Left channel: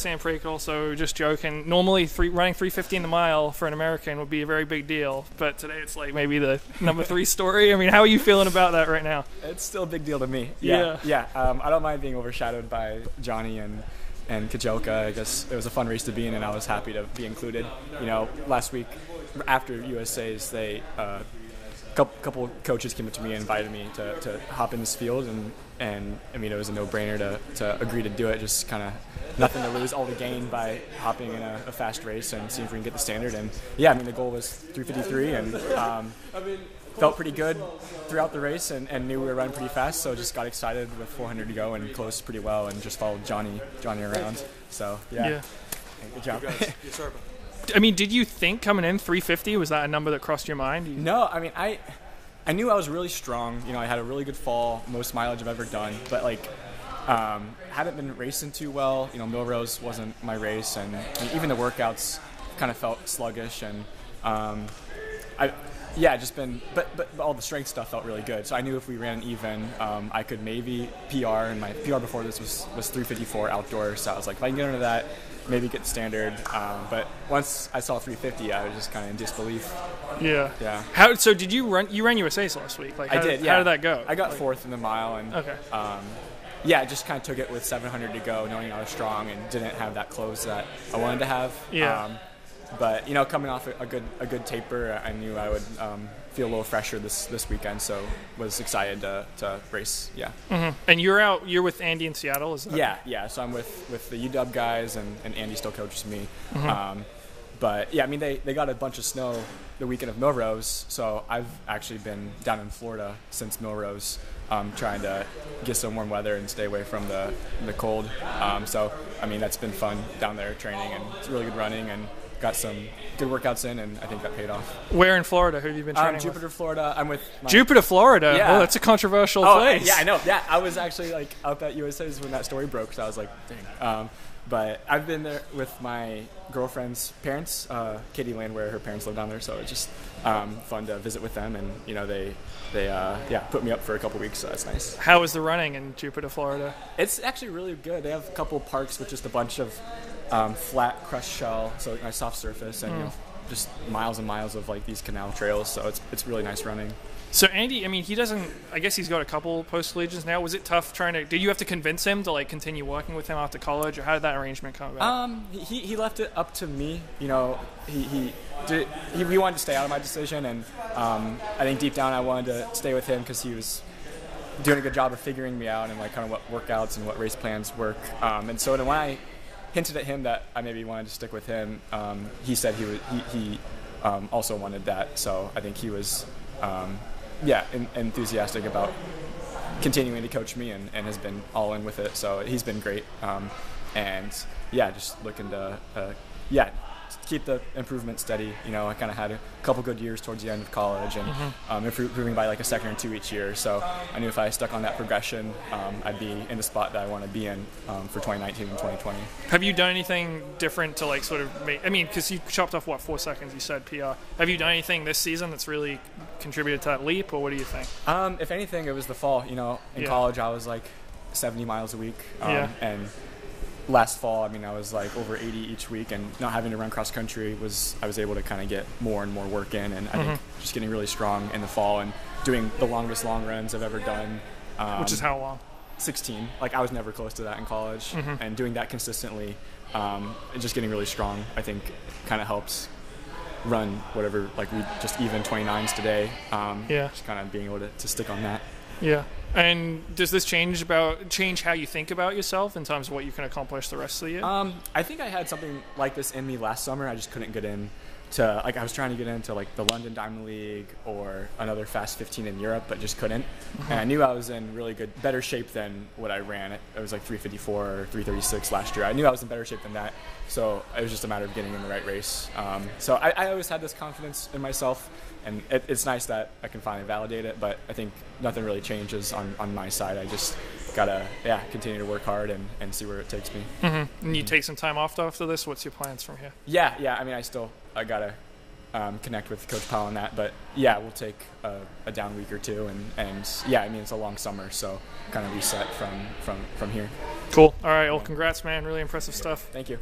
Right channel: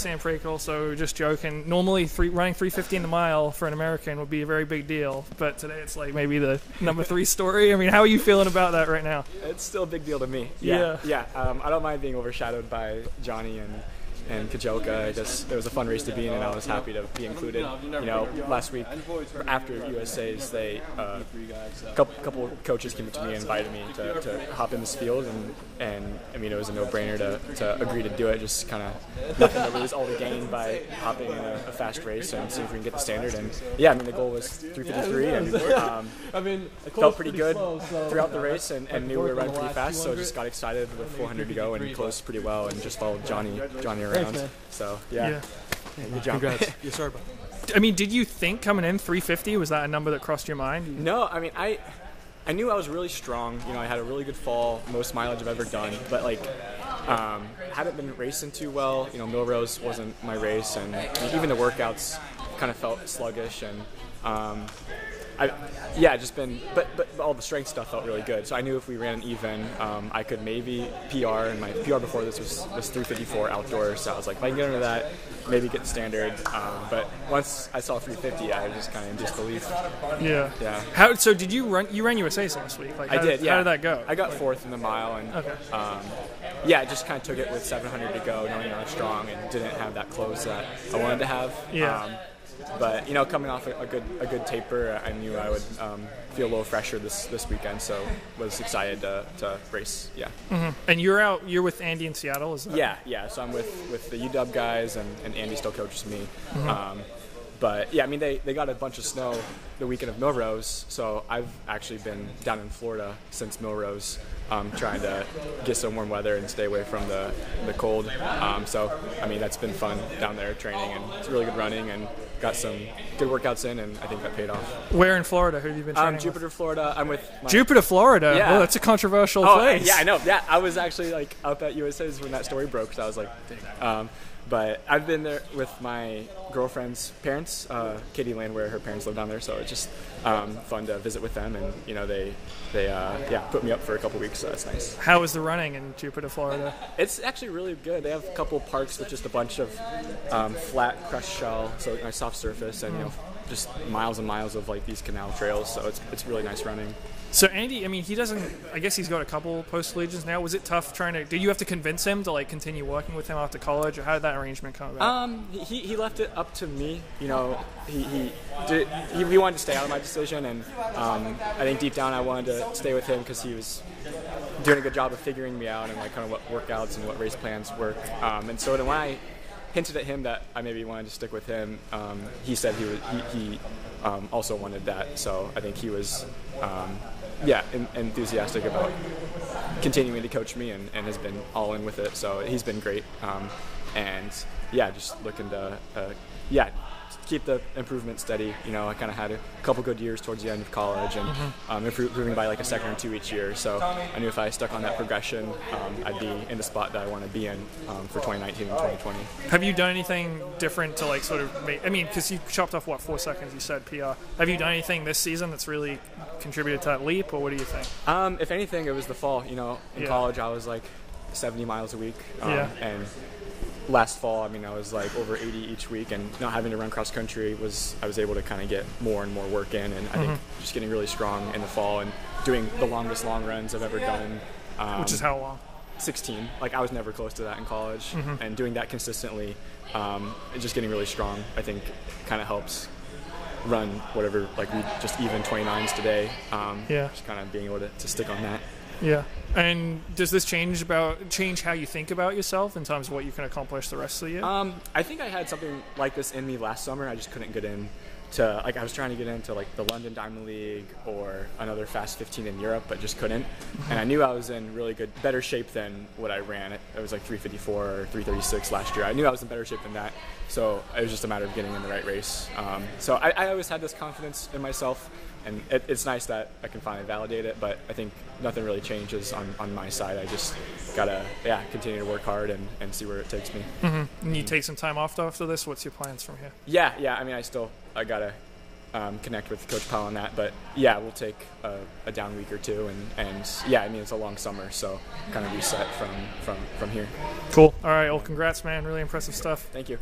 Sam Prakel, so we were just joking. Normally, running 350 in the mile for an American would be a very big deal, but today it's like maybe the number 3 story. I mean, how are you feeling about that right now? It's still a big deal to me. Yeah. I don't mind being overshadowed by Johnny and Kajelka. I guess it was a fun race to be in, and I was happy to be included. You know, last week after USA's, they couple coaches came up to me and invited me to hop in this field, and I mean, it was a no-brainer to agree to do it. Just kind of nothing to lose, all to gain by hopping in a fast race and seeing if we can get the standard. And yeah, I mean, the goal was 3:53, and felt pretty good throughout the race, and knew we were running pretty fast, so just got excited with 400 to go and closed pretty well, and just followed Johnny around. So yeah, hey, good job. I mean, did you think coming in 350, was that a number that crossed your mind? No, I mean, I knew I was really strong. You know, I had a really good fall, most mileage I've ever done, but like hadn't been racing too well. You know, Millrose wasn't my race, and I mean, even the workouts kind of felt sluggish, and but all the strength stuff felt really good. So I knew if we ran an even, I could maybe PR, and my PR before this was 3:54 outdoor. So I was like, if I can get under that, maybe get standard. But once I saw 3:50, I was just kind of in disbelief. Yeah. So did you run? You ran USA's last week, right? I did. Yeah. How did that go? I got 4th in the mile, and I just kind of took it with 700 to go, knowing I was strong and didn't have that close that I wanted to have. Yeah. But you know, coming off a good taper, I knew I would feel a little fresher this weekend, so was excited to race. Yeah. Mm-hmm. And you're with Andy in Seattle, isn't it? Yeah. So I'm with the UW guys, and Andy still coaches me. Mm-hmm. But yeah, I mean, they got a bunch of snow the weekend of Millrose, so I've actually been down in Florida since Millrose, trying to get some warm weather and stay away from the cold. So I mean, that's been fun down there training, and it's really good running, and got some good workouts in, and I think that paid off. Where in Florida? Who have you been to? Jupiter, Florida. I'm with my... Jupiter, Florida? Yeah. Oh, that's a controversial place. Yeah, I know. Yeah, I was actually like up at USA's when that story broke, so I was like, dang. But I've been there with my girlfriend's parents, Katie Landwehr, her parents live down there, so it's just fun to visit with them, and you know, they put me up for a couple weeks, so that's nice. How was the running in Jupiter, Florida? It's actually really good. They have a couple parks with just a bunch of flat crushed shell, so nice soft surface, and you know, just miles and miles of like these canal trails, so it's really nice running. So Andy, I mean, I guess he's got a couple post-collegiates now. Was it tough did you have to convince him to like continue working with him after college, or how did that arrangement come about? He left it up to me. You know, he wanted to stay out of my decision, and I think deep down I wanted to stay with him because he was doing a good job of figuring me out and like kind of what workouts and what race plans work. And so when I hinted at him that I maybe wanted to stick with him, he said he also wanted that. So I think he was enthusiastic about continuing to coach me, and has been all in with it. So he's been great, and just looking to keep the improvement steady. You know, I kind of had a couple good years towards the end of college, and improving by like a second or two each year. So I knew if I stuck on that progression, I'd be in the spot that I want to be in for 2019 and 2020. Have you done anything different to like sort of I mean, because you chopped off 4 seconds, you said PR. Have you done anything this season that's really contributed to that leap, or what do you think? If anything, it was the fall. You know, in college I was like 70 miles a week, and last fall, I mean, I was like over 80 each week, and not having to run cross country I was able to kind of get more and more work in, and I think just getting really strong in the fall and doing the longest long runs I've ever done. 16. Like, I was never close to that in college, and doing that consistently, and just getting really strong, I think kind of helps run whatever, like we just even 29s today, just kind of being able to stick on that. Yeah. And does this change how you think about yourself in terms of what you can accomplish the rest of the year? I think I had something like this in me last summer. I just couldn't get in to, like, I was trying to get into like the London Diamond League or another Fast 15 in Europe, but just couldn't. And I knew I was in better shape than what I ran. It was like 354 or 336 last year. I knew I was in better shape than that. So it was just a matter of getting in the right race. So I always had this confidence in myself, and it's nice that I can finally validate it, but I think nothing really changes on my side. I just gotta continue to work hard and see where it takes me. And you take some time off after this? What's your plans from here? Yeah. I mean, I gotta connect with Coach Powell on that, but we'll take a down week or two, and I mean, it's a long summer, so kind of reset from here. Cool. All right. Well, congrats, man. Really impressive stuff. Thank you.